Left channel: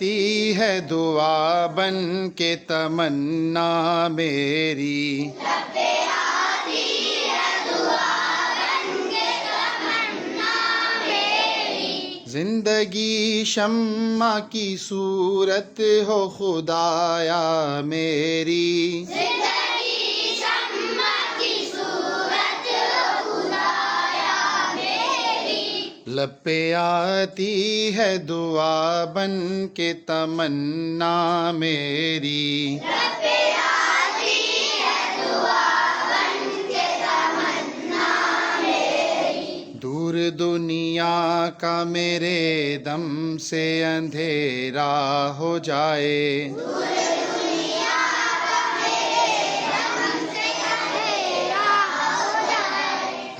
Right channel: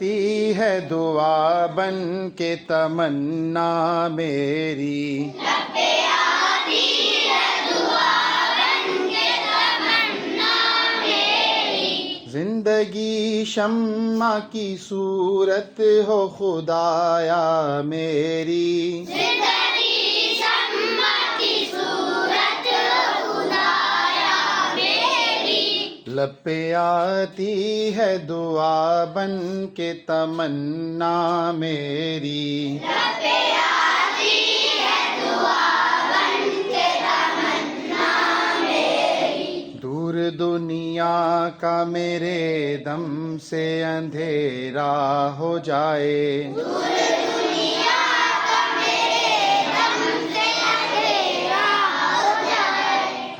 تی ہے دعا بن کے تمنا میری، زندگی شمع کی صورت ہو خدایا میری، لب پہ آتی ہے دعا بن کے تمنا میری، دور دنیا کا میرے دم سے اندھیرا ہو جائے،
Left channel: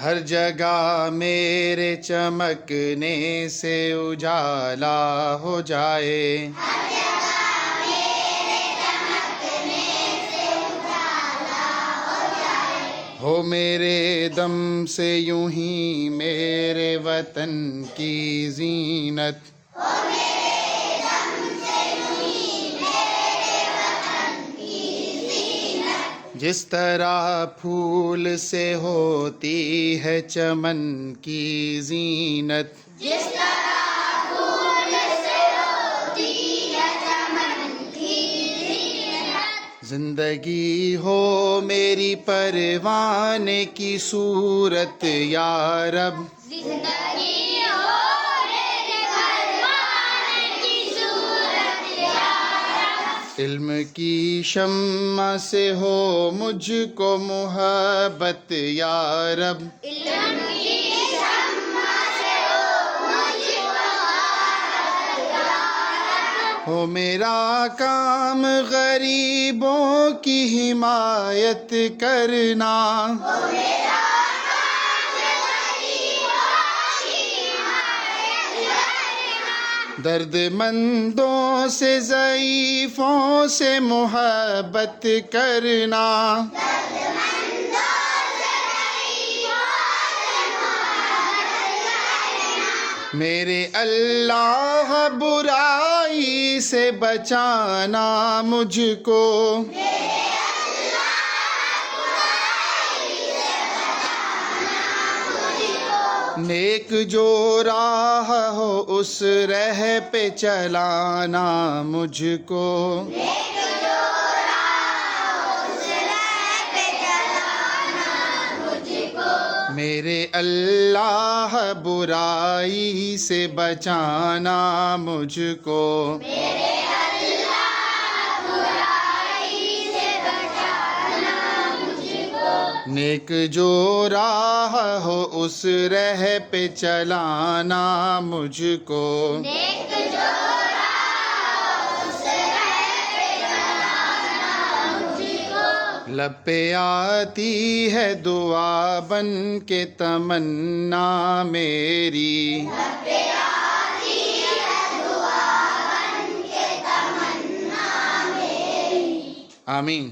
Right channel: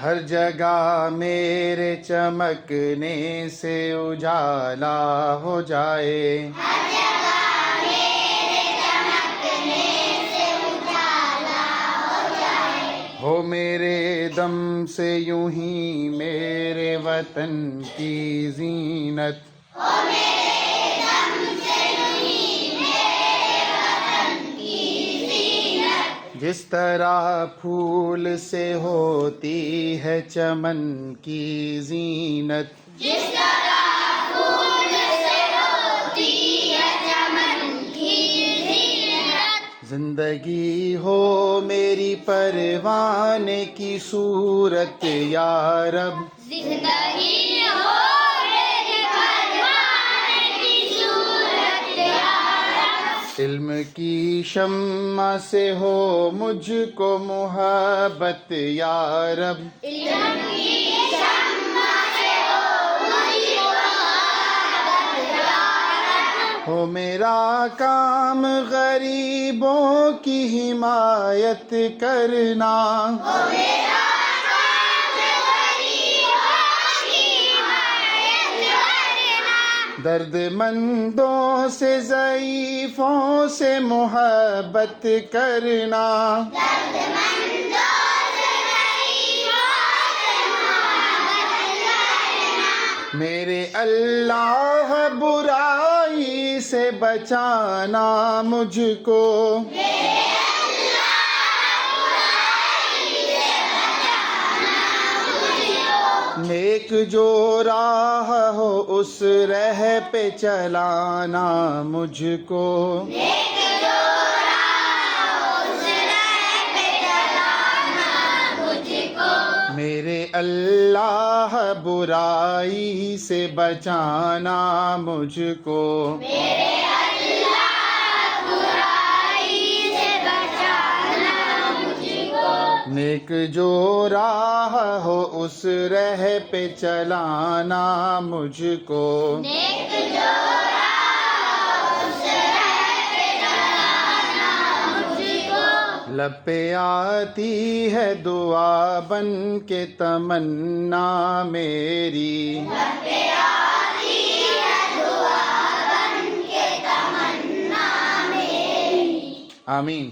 ہر جگہ میرے چمکنے سے اجالا ہو جائے، ہو میرے دم سے یوں ہی میرے وطن کی زینت، جس طرح پھول سے ہوتی ہے چمن کی زینت، زندگی ہو میری پروانے کی صورت یا رب، علم کی شمع سے ہو مجھ کو محبت یا رب، ہو میرا کام غریبوں کی حمایت کرنا، درد مندوں سے ضعیفوں سے محبت کرنا، میرے اللہ برائی سے بچانا مجھ کو، نیک جو راہ ہو اس راہ پہ چلانا مجھ کو، میرے اللہ برائی سے بچانا مجھ کو، نیک جو راہ ہو اس راہ پہ چلانا مجھ کو، لب پہ آتی ہے دعا بن کے تمنا میری، آمین۔